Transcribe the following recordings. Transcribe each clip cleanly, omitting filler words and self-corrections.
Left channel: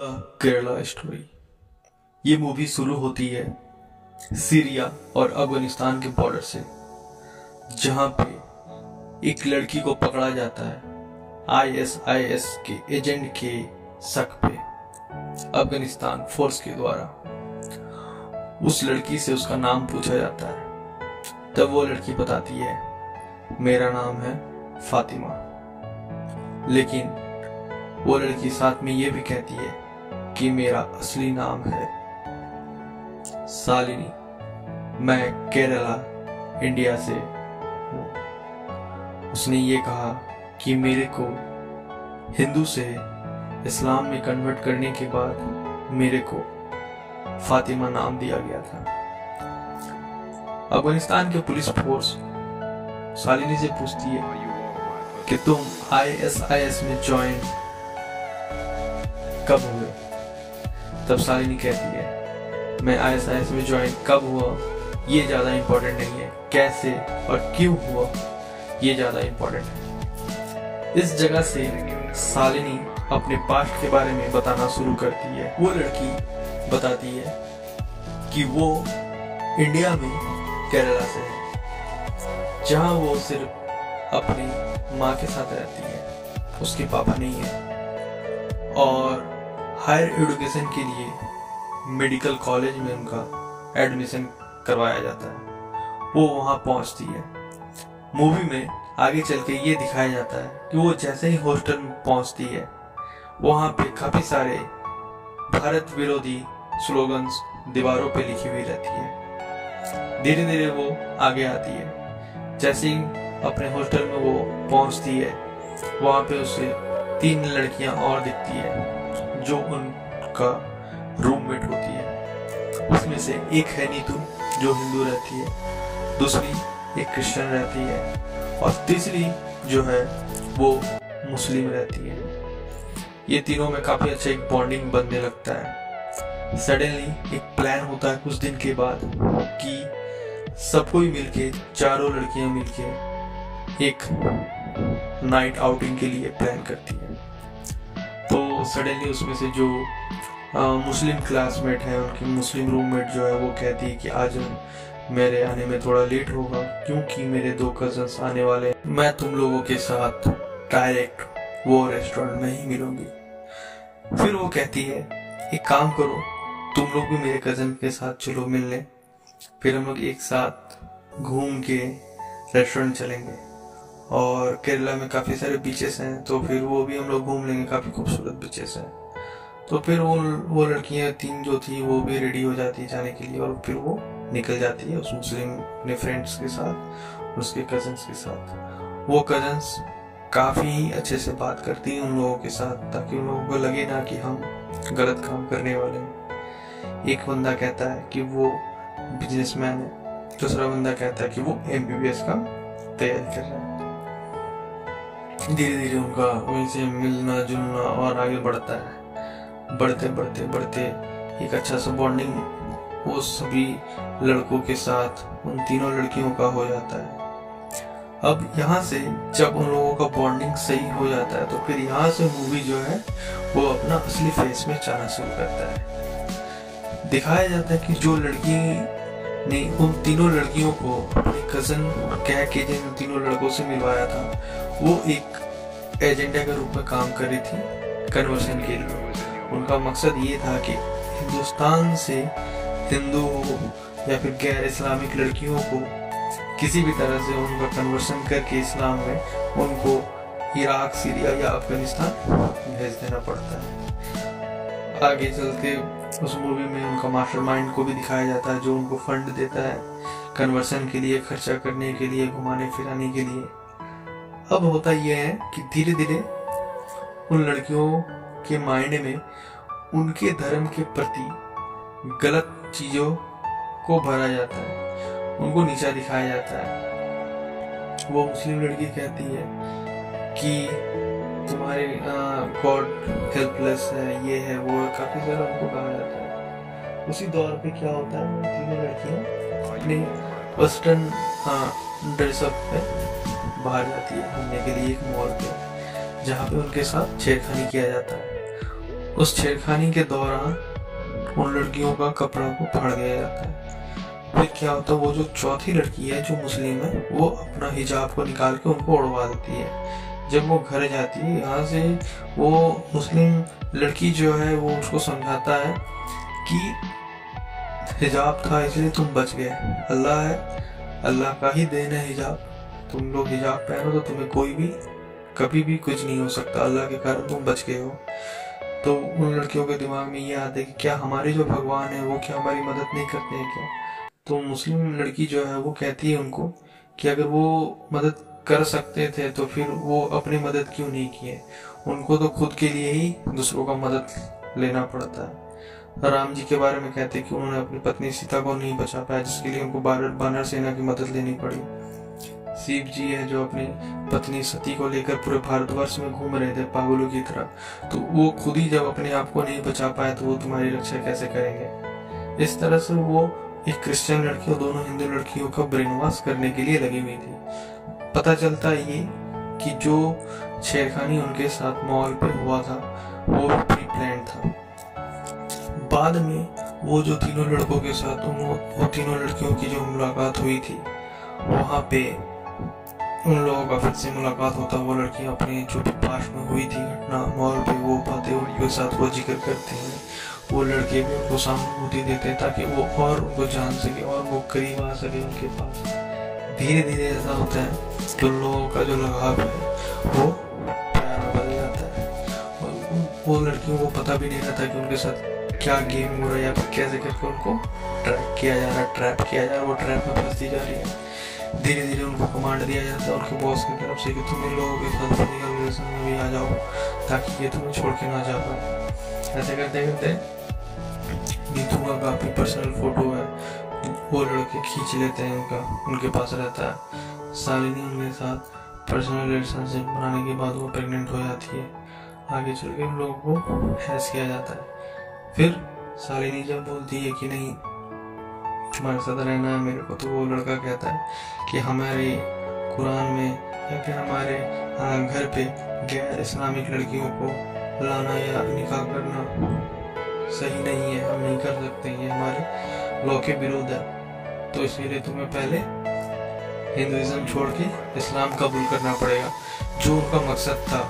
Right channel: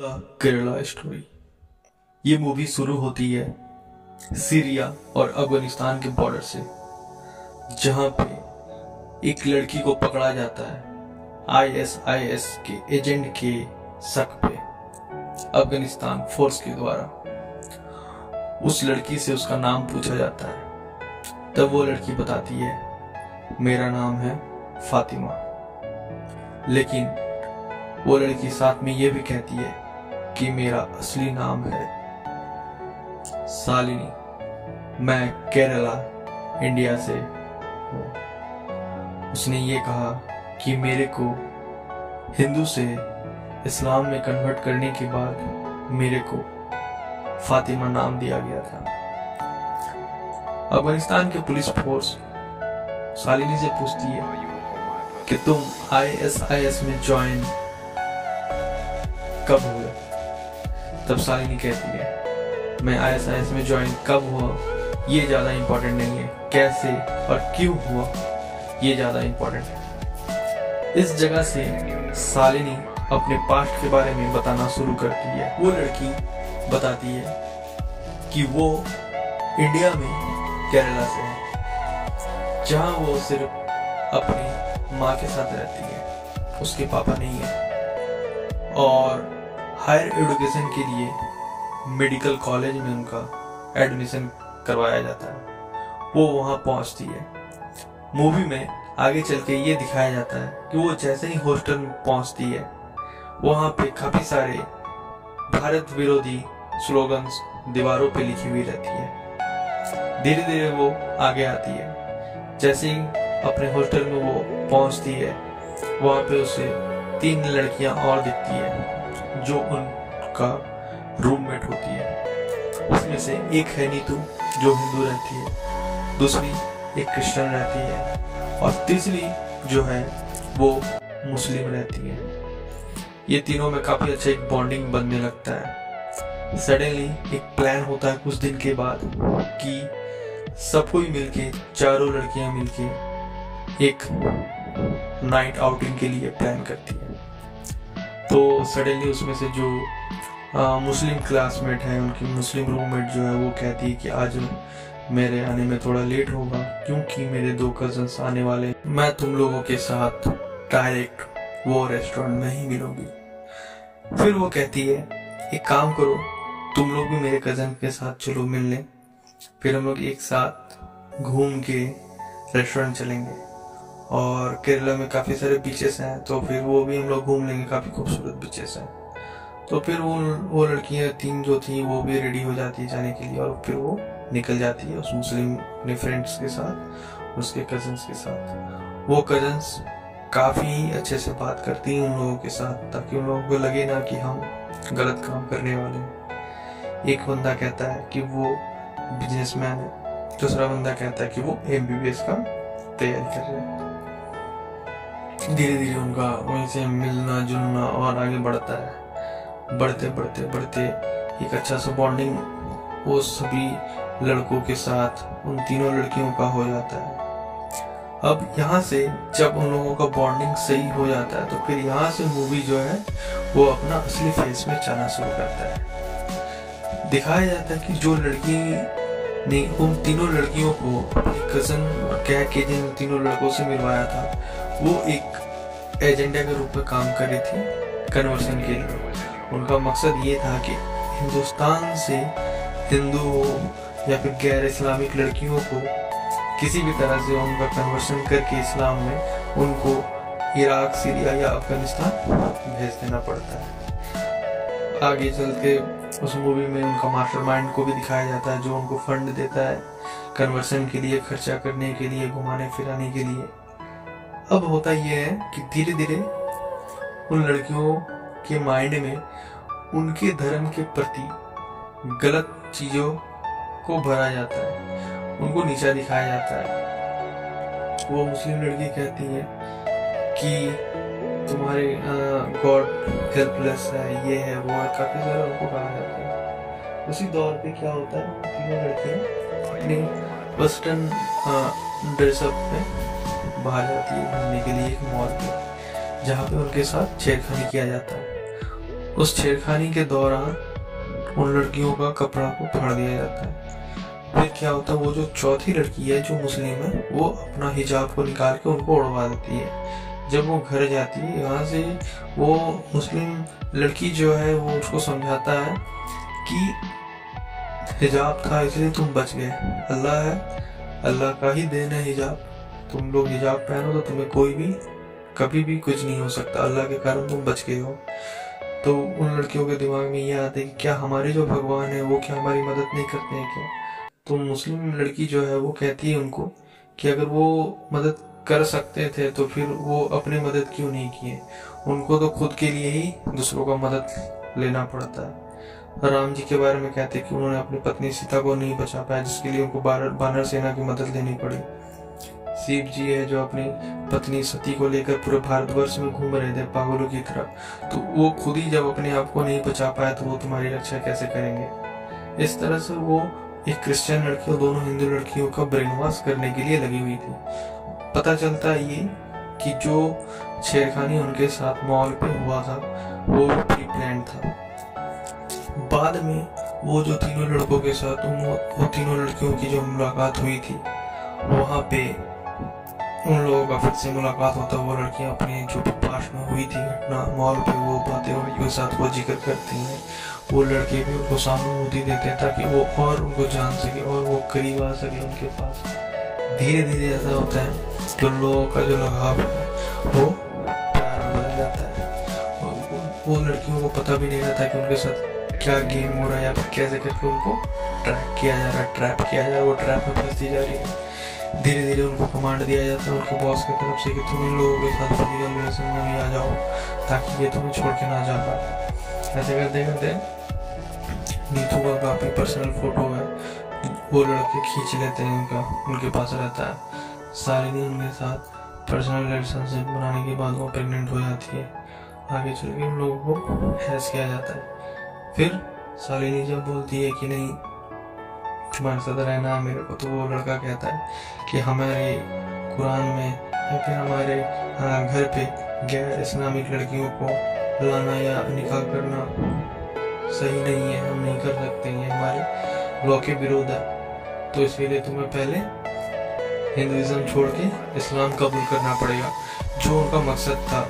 Kerala story. ये movie शुरू होती है सीरिया और अफगानिस्तान के बॉर्डर से, जहां पे एक लड़की को पकड़ा जाता है आईएसआईएस के एजेंट के शक पे अफगानिस्तान फोर्स के द्वारा। उस लड़की से उसका नाम पूछा जाता है, तब वो लड़की बताती है मेरा नाम है फातिमा। लेकिन वो लड़की साथ में ये भी कहती है कि मेरा असली नाम है शालिनी, मैं केरला इंडिया से हूँ। उसने ये कहा कि मेरे को हिंदू से इस्लाम में कन्वर्ट करने के बाद मेरे को फातिमा नाम दिया गया था। अफगानिस्तान के पुलिस फोर्स शालिनी से पूछती है कि तुम आईएसआईएस में ज्वाइन कब हुए? तब शालिनी कहती है मैं आईएसआईएस में ज्वाइन कब हुआ ये ज्यादा इंपॉर्टेंट नहीं है, कैसे और क्यों हुआ ये ज्यादा इंपॉर्टेंट है। इस जगह से शालिनी अपने पास्ट के बारे में बताना शुरू करती है। वो लड़की बताती है कि वो इंडिया में केरला से है, जहां वो सिर्फ अपनी माँ के साथ रहती है, उसके पापा नहीं है। और हायर एजुकेशन के लिए मेडिकल कॉलेज में उनका एडमिशन करवाया जाता है। वो वहां पहुंचती है। मूवी में आगे चल के ये दिखाया जाता है कि वो जैसे ही हॉस्टल में पहुंचती है, वहां पे काफी सारे भारत विरोधी स्लोगन्स दीवारों पे लिखी हुई रहती है। धीरे धीरे वो आगे आती है। जैसे ही अपने हॉस्टल में वो पहुंचती है, वहां पे उसे 3 लड़कियां और दिखती है जो उनका रूममेट होती है। उसमें से एक है नीतू जो हिंदू रहती है, दूसरी एक क्रिश्चियन रहती है और तीसरी जो है वो मुस्लिम रहती है। ये तीनों में काफी अच्छा एक बॉन्डिंग बनने लगता है। सडनली एक प्लान होता है कुछ दिन के बाद कि सब कोई मिलके, चारों लड़कियां मिलके एक नाइट आउटिंग के लिए प्लान करती है। तो सडनली उसमें से जो मुस्लिम क्लासमेट है, उनकी मुस्लिम रूममेट जो है, वो कहती है कि आज मेरे आने में थोड़ा लेट होगा क्योंकि मेरे 2 कजन्स आने वाले हैं। मैं तुम लोगों के साथ डायरेक्ट वो रेस्टोरेंट में ही मिलूंगी। फिर वो कहती है एक काम करो, तुम लोग भी मेरे कजन के साथ चलो मिलने, फिर हम लोग एक साथ घूम के रेस्टोरेंट चलेंगे। और केरला में काफी सारे बीचेस हैं, तो फिर वो भी हम लोग घूम लेंगे, काफी खूबसूरत बीचेस हैं। तो फिर वो लड़कियां 3 जो थी वो भी रेडी हो जाती है जाने के लिए, और फिर वो निकल जाती है उस मुस्लिम अपने फ्रेंड्स के साथ, उसके कजन्स के साथ। वो कजन्स काफी अच्छे से बात करती हैं उन लोगों के साथ, ताकि उन लोगों को लगे ना कि हम गलत काम करने वाले हैं। एक बंदा कहता है कि वो बिजनेसमैन है, दूसरा बंदा कहता है कि वो एमबीबीएस का तैयारी कर रहा है। धीरे धीरे उनका वहीं से मिलना जुलना और आगे बढ़ता है। बढ़ते बढ़ते बढ़ते एक अच्छा सा बॉन्डिंग वो सभी लड़कों के साथ उन तीनों लड़कियों का हो जाता है। अब यहाँ से जब उन लोगों का बॉन्डिंग सही हो जाता है, तो फिर यहाँ से मूवी जो है वो अपना असली फेस में जाना शुरू करता है। दिखाया जाता है कि जो लड़की ने उन तीनों लड़कियों को अपने कजन कह के जिन तीनों लड़कों से मिलवाया था, वो एक एजेंडा के रूप में काम कर रही थी कन्वर्सन के लिए। उनका मकसद ये था कि हिंदुस्तान से हिंदू हो या फिर गैर इस्लामिक लड़कियों को किसी भी तरह से उनका कन्वर्सन करके इस्लाम में उनको इराक, सीरिया या अफगानिस्तान भेज देना पड़ता है। आगे चल के उस मूवी में उनका मास्टरमाइंड को भी दिखाया जाता है, जो उनको फंड देता है कन्वर्सन के लिए, खर्चा करने के लिए, घुमाने फिराने के लिए। अब होता यह है कि धीरे धीरे उन लड़कियों के माइंड में उनके धर्म के प्रति गलत चीजों को भरा जाता है, उनको नीचा दिखाया जाता है। वो मुस्लिम लड़की कहती है कि तुम्हारे गॉड हेल्पलेस है, ये है वो है, काफी सारा उनको कहा जाता है। उसी दौर पे क्या होता है, वो तीनों लड़कियां अपने वेस्टर्न ड्रेसअप में बाहर जाती है घूमने के लिए एक मॉल पे, जहाँ पे उनके साथ छेड़खानी किया जाता है। उस छेड़खानी के दौरान उन लड़कियों का कपड़ा को फाड़ दिया जाता है। फिर क्या होता है, वो जो चौथी लड़की है जो मुस्लिम है, वो अपना हिजाब को निकाल के उनको उड़वा देती है। जब वो घर जाती है, यहाँ से वो मुस्लिम लड़की जो है वो उसको समझाता है कि हिजाब था इसलिए तुम बच गए, अल्लाह है, अल्लाह का ही देन है हिजाब, तुम लोग हिजाब पहनो तो तुम्हें कोई भी कभी भी कुछ नहीं हो सकता, अल्लाह के कारण तुम बच गए हो। तो उन लड़कियों के दिमाग में ये आता है कि क्या हमारे जो भगवान है वो क्या हमारी मदद नहीं करते हैं क्या? तो मुस्लिम लड़की जो है वो कहती है उनको कि अगर वो मदद कर सकते थे तो फिर वो अपनी मदद क्यों नहीं किए, उनको तो खुद के लिए ही दूसरों का मदद लेना पड़ता है। राम जी के बारे में कहते हैं कि उन्होंने अपनी पत्नी सीता को नहीं बचा पाया, जिसके लिए उनको बानर सेना की मदद लेनी पड़ी। शिव जी है जो अपनी पत्नी सती को लेकर पूरे भारतवर्ष में घूम रहे थे पागलों की तरह, तो वो खुद ही जब अपने आप को नहीं बचा पाया तो वो तुम्हारी रक्षा कैसे करेंगे। इस तरह से वो एक क्रिश्चियन लड़की और दोनों हिंदू लड़कियों का ब्रेन वॉश करने के लिए लगी हुई थी। पता चलता है ये कि जो छेड़खानी उनके साथ मॉल पे हुआ था वो प्री प्लान था। बाद में वो जो तीनों लड़कों के साथ वो तीनों लड़कियों की जो मुलाकात हुई थी, वहाँ पे उन लोगों का फिर से मुलाकात होता, वो लड़कियां अपने जो भी पास में हुई थी घटना मॉल पे वो बातें उनके साथ वो जिक्र करती हैं, वो लड़के भी उनको सहानुभूति देते हैं ताकि वो और उनको जान सके और वो करीब आ सके उनके पास। धीरे धीरे ऐसा होता है कि उन लोगों का जो लगाव है वो प्यार में बदल जाता है और वो लड़कियों को पता भी नहीं रहता कि उनके साथ क्या गेम हो रहा है या फिर कैसे करके उनको ट्रैप किया जा रहा है, वो ट्रैप में फंसती जा रही है। धीरे धीरे उनको कमांड दिया जाता है उनके बॉस की तरफ से कि तुम इन लोगों के साथ फिजिकल रिलेशन में भी आ जाओ ताकि ये तुम्हें छोड़ के ना जा पाए। ऐसे करते करते नीतू का काफ़ी पर्सनल फोटो है, वो लड़के खींच लेते हैं, उनके पास रहता है। शालिनी उनके साथ पर्सनल रिलेशनशिप बनाने के बाद वो प्रेग्नेंट हो जाती है। आगे चल के उन लोगों को हैस किया जाता है। फिर शालिनी जब बोलती है कि नहीं तुम्हारे साथ रहना है मेरे को, तो वो लड़का कहता है कि हमारे कुरान में या फिर हमारे घर पे गैर इस्लामिक लड़कियों को लाना या निकाह करना सही नहीं है, हम नहीं कर सकते, ये हमारे लॉ के विरोध है, तो इसके लिए तुम्हें पहले हिंदुइज्म छोड़ के इस्लाम कबूल करना पड़ेगा। जो उनका मकसद था।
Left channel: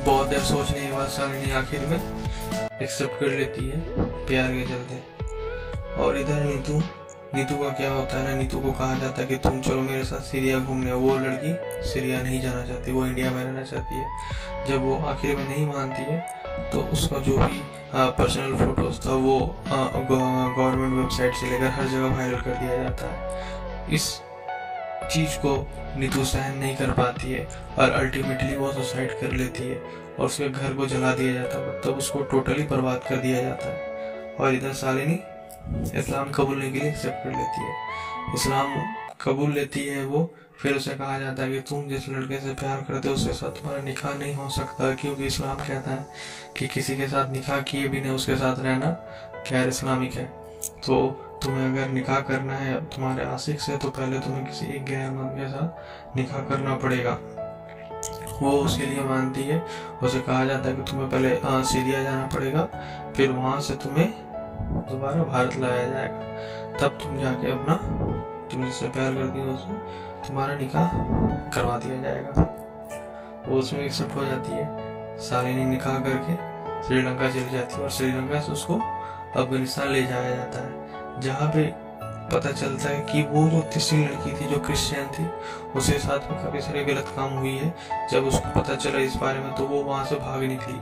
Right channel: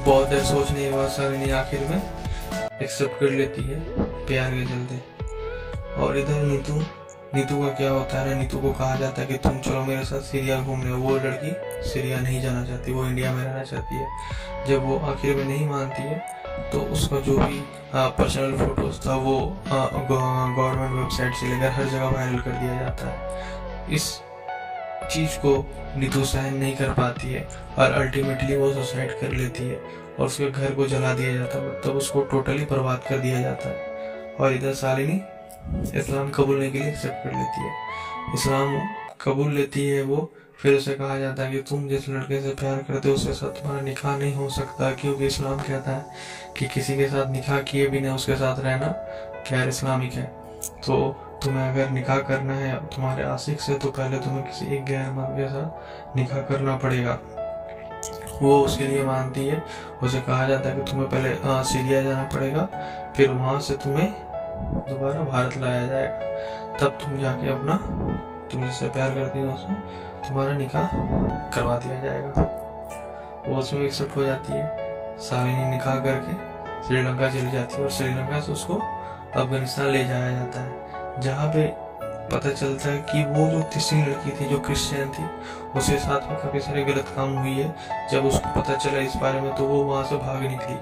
बहुत देर सोचने के बाद शालिनी आखिर में एक्सेप्ट कर लेती है प्यार के चलते। और इधर नीतू का क्या होता है ना, नीतू को कहा जाता है कि तुम चलो मेरे साथ सीरिया घूमने। वो लड़की सीरिया नहीं जाना चाहती, वो इंडिया में रहना चाहती है। जब वो आखिर में नहीं मानती है तो उसका जो भी पर्सनल फोटोज था वो गवर्नमेंट वेबसाइट से लेकर हर जगह वायरल कर दिया जाता है। इस चीज़ को नीतू सहन नहीं कर पाती है और अल्टीमेटली वो सुसाइड कर लेती है और उसके घर को जला दिया जाता है, मतलब उसको टोटली बर्बाद कर दिया जाता है। और इधर शालिनी इस्लाम कबूलने के लिए एक्सेप्ट कर लेती है। इस्लाम कबूल लेती है वो। फिर उसे कहा जाता है कि तुम जिस लड़के से प्यार करते हो उसके साथ तुम्हारा निकाह नहीं हो सकता, क्योंकि इस्लाम कहता है कि किसी के साथ निकाह किए बिना उसके साथ रहना गैर इस्लामिक है। तो तुम्हें अगर निकाह करना है तुम्हारे आशिक से तो पहले तुम्हें किसी एक गैर मर्द के साथ निकाह करना पड़ेगा। वो उसके लिए मानती है। उसे कहा जाता है कि तुम्हें पहले सीरिया जाना पड़ेगा, फिर वहाँ से तुम्हें दोबारा भारत लाया जाएगा, तब तुम जाके अपना तुम जिससे प्यार करती हो उससे तुम्हारा निकाह करवा दिया जाएगा। वो उसमें एक्सेप्ट हो जाती है। शालिनी निकाह करके श्रीलंका चली जाती है और श्रीलंका से उसको अफगानिस्तान ले जाया जाता है, जहाँ पे पता चलता है कि वो जो तीसरी लड़की थी जो क्रिश्चियन थी उसके साथ में काफ़ी सारे गलत काम हुई है। जब उसको पता चला इस बारे में तो वो वहाँ से भाग निकली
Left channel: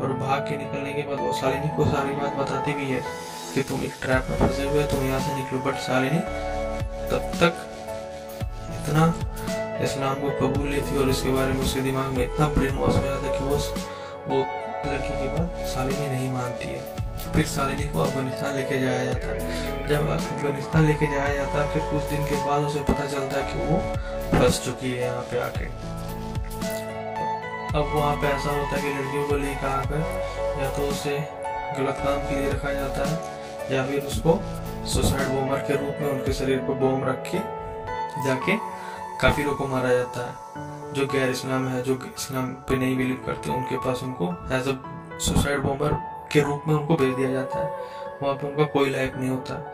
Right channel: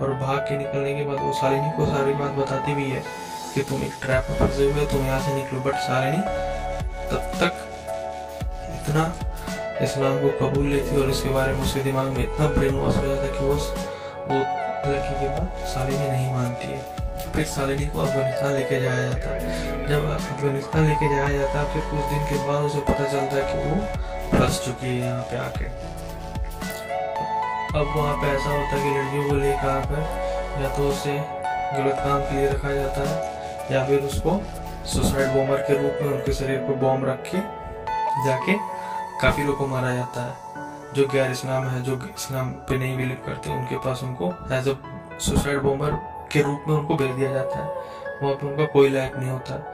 और भाग के निकलने के बाद वो शालिनी को सारी बात बताती भी है कि तुम एक ट्रैप में फंसे हुए, तुम यहाँ से निकलो। बट शालिनी तब तक इतना इस्लाम को कबूल लेती और इसके बारे में उसके दिमाग में इतना ब्रेन वॉश हो जाता कि वो लड़की के बाद शालिनी नहीं मानती है। फिर शालिनी को अफगानिस्तान लेके जाया जाता है। जब अफगानिस्तान लेके जाया जाता है फिर कुछ दिन के बाद उसे पता चलता है कि वो फंस चुकी है यहाँ पे आके। अब वहाँ पे ऐसा होता है कि लड़कियों को लेकर आकर या तो उसे गलत काम के लिए रखा जाता है या फिर उसको सुसाइड बॉम्बर के रूप में उनके शरीर पर बॉम्ब रख के जाके काफिरों को मारा जाता है। जो गैर इस्लाम है, जो इस्लाम पे नहीं बिलीव करते, उनके पास उनको एज अ सुसाइड बॉम्बर के रूप में उनको भेज दिया जाता है। वहाँ पे उनका कोई लाइफ नहीं होता।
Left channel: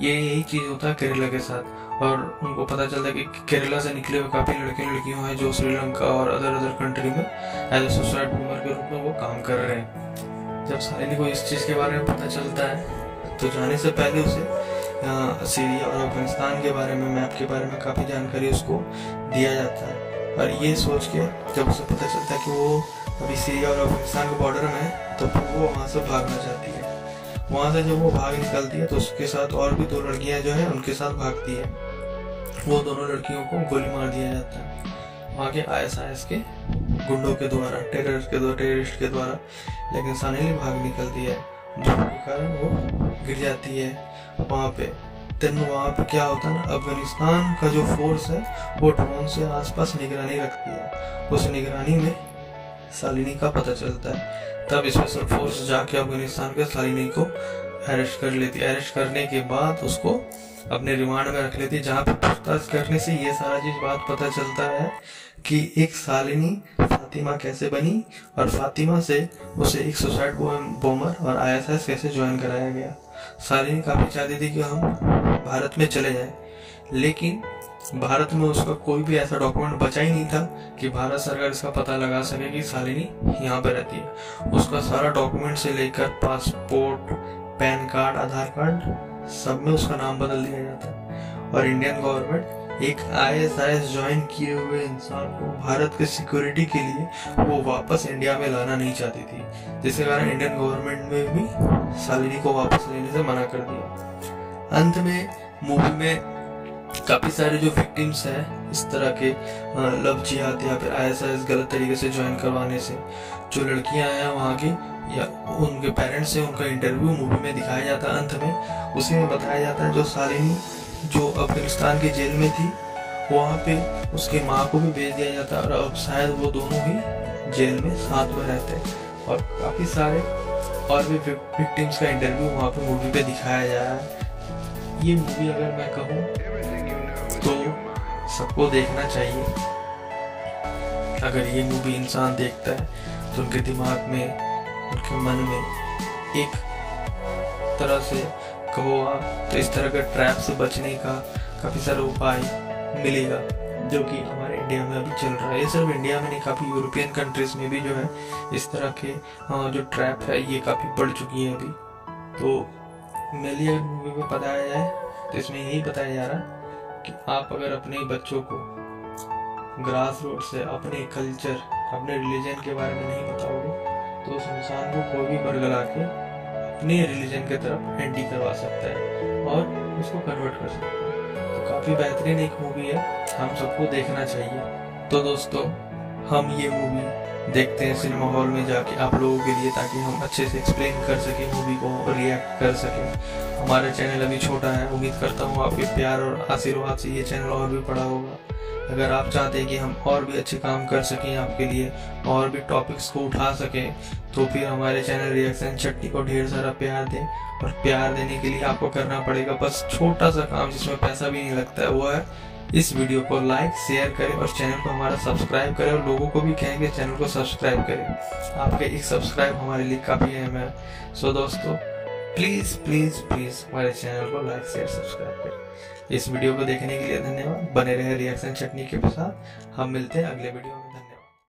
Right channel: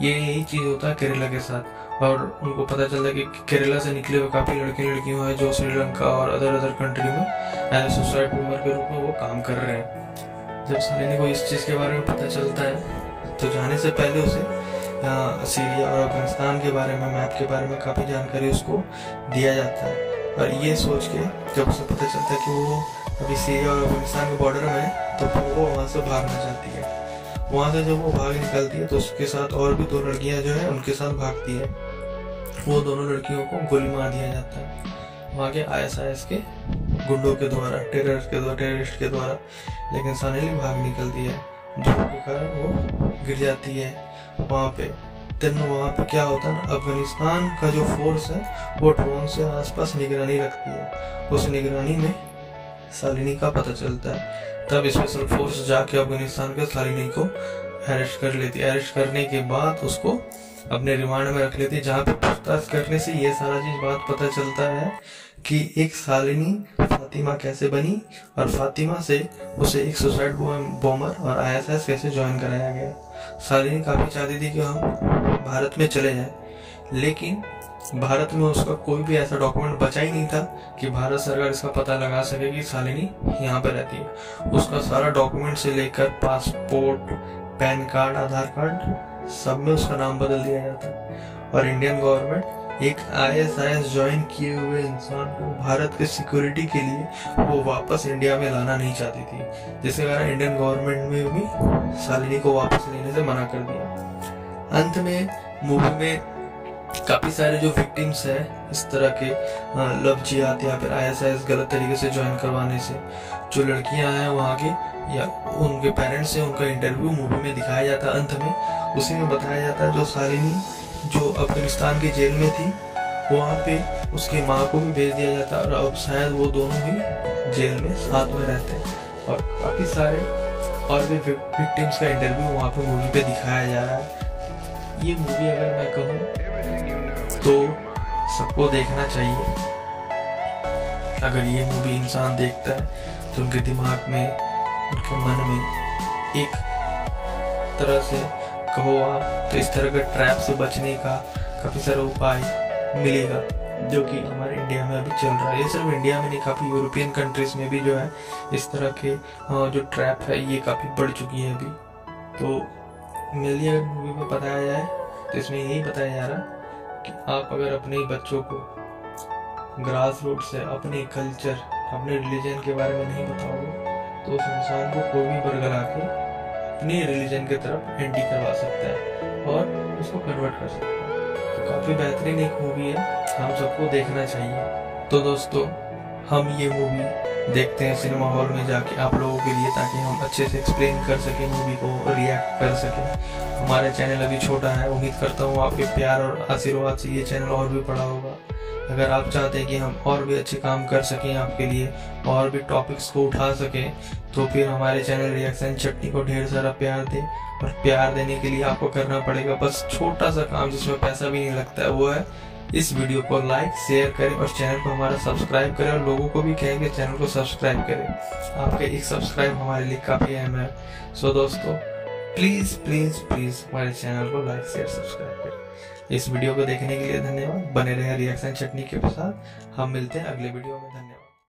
यही चीज़ होता है केरला के साथ। और उनको पता चलता है कि केरला से निकले हुए काफ़ी लड़के लड़कियाँ हैं जो श्रीलंका और अदर कंट्री में एज अ सुसाइड बॉम्बर के रूप में वो काम कर रहे हैं। जब शालिनी को इस चीज़ के बारे में पता चलता है तो जाने से पहले उसे सीरिया और अफगानिस्तान के बारे में, मैप के बारे में काफ़ी जानकारी उसको दिया जाता है। और ये सोच के जब उसे पता चलता है कि वो अभी सीरिया और अफगानिस्तान के बॉर्डर में है तो फिर वो वहाँ से भागना चाहती है। वहाँ से जब वो भाग निकलती है तो उसके साथ और भी 2 लड़कियाँ जो है उनके साथ भागती है। वो दोनों लड़कियों को गोली मार दिया जाता है वहाँ के ISIS के गुंडों के द्वारा, टेररिस्ट के द्वारा। लेकिन शालिनी भाग निकलती है, धूप के कारण वो गिर जाती है वहाँ पे। देन वहाँ पे क्या होता है ना, अफगानिस्तान का जो फोर्स है वो ड्रोन से आसपास निगरानी रखती है। उस निगरानी में शालिनी का पता चलता है। तब स्पेशल फोर्स जाके अफगानिस्तान के शालिनी को अरेस्ट कर लेती है। अरेस्ट करने के बाद उसको अपने रिमांड में रख लेती है, जहाँ पे पूछताछ करने से ये सारा चीज बात पता चलता है कि एक शालिनी फातिमा कैसे बनी और फातिमा से उसे एक सुसाइड बॉम्बर और ISIS कैसे ज्वाइन कराया गया। शालिनी काफ़ी चाहती थी कि हम भारत में चले जाए, लेकिन भारत में उसका कोई भी ऐसा डॉक्यूमेंट बचा ही नहीं था कि भारत सरकार इसका पता लगा सके कि शालिनी यहाँ पर रहती है। उसका सारा डॉक्यूमेंट से लेकर पासपोर्ट, पैन कार्ड, आधार कार्ड, सब में उसका नाम बदल दिया जाता है। और इंडियन गवर्नमेंट एक ISIS ज्वाइन किए हुए इंसान को भारत के सिक्योरिटी के लिए वो वापस इंडिया में लाना नहीं चाहती थी, जिसके कारण इंडियन गवर्नमेंट में भी शालिनी को वापस लेने से मना कर दिया। अंत में मूवी में काफ़ी सारे जो विक्टिम्स हैं इस तरह के लव जिहाद या फिर ISIS गलत तरीके से ज्वाइन करवाने से, जो लड़कियां हैं वहाँ की या उनके पेरेंट्स से उनका इंटरव्यू मूवी में दिखाया जाता है। अंत में उसी में बताया जाता है जो शालिनी जो अफगानिस्तान की जेल में थी वहाँ पे उसकी माँ को भी भेज दिया जाता है और अब शायद वो दोनों ही जेल में साथ में रहते हैं। और काफ़ी सारे और भी विक्टिम्स का इंटरव्यू वहाँ पे मूवी पे दिखाया जा रहा है। ये मूवी अगर मैं कहूँ तो सबको देखना चाहिए। अगर ये मूवी इंसान देखता है तो उनके दिमाग में, उनके मन में एक तरह से कहो आप तो इस तरह के ट्रैप से बचने का काफ़ी सारा उपाय मिलेगा, जो कि हमारे इंडिया में अभी चल रहा है। ये सिर्फ इंडिया में नहीं, काफ़ी यूरोपियन कंट्रीज में भी जो है इस तरह के जो ट्रैप है ये काफ़ी बढ़ चुकी है अभी। तो मेरे लिए अगर मूवी में बताया जाए तो इसमें यही बताया जा रहा है कि आप अगर अपने बच्चों को ग्रास रूट से अपने कल्चर, अपने रिलीजन के बारे में नहीं बताओगे तो उस इंसान को कोई भी बरगला के अपने रिलीजन की तरफ एंटी करवा सकता है और उसको कन्वर्ट कर सकता है। तो काफ़ी बेहतरीन एक मूवी है, हम सबको देखना चाहिए। तो दोस्तों हम ये मूवी देखते हैं सिनेमा हॉल में जाके आप लोगों के लिए, ताकि हम अच्छे से एक्सप्लेन कर सकें मूवी को, रिएक्ट कर सकें। हमारा चैनल अभी छोटा है, उम्मीद करता हूँ आपके प्यार और आशीर्वाद से ये चैनल और भी बड़ा होगा। अगर आप चाहते हैं कि हम और भी अच्छे काम कर सकें आपके लिए और भी टॉपिक्स को उठा सकें, तो फिर हमारे चैनल रिएक्शन चटनी को ढेर सारा प्यार दें। और प्यार देने के लिए आपको करना पड़ेगा बस छोटा सा काम जिसमें पैसा भी नहीं लगता है, वो है इस वीडियो को लाइक शेयर करें और चैनल को हमारा सब्सक्राइब करें और लोगों को भी कहें कि चैनल को सब्सक्राइब करें। आपके एक सब्सक्राइब हमारे लिए काफ़ी अहम है। सो दोस्तों प्लीज़ प्लीज़ प्लीज़ हमारे चैनल को लाइक शेयर सब्सक्राइब करें। इस वीडियो को देखने के लिए धन्यवाद। बने रहे रिएक्शन चटनी के साथ। हम मिलते हैं अगले वीडियो में।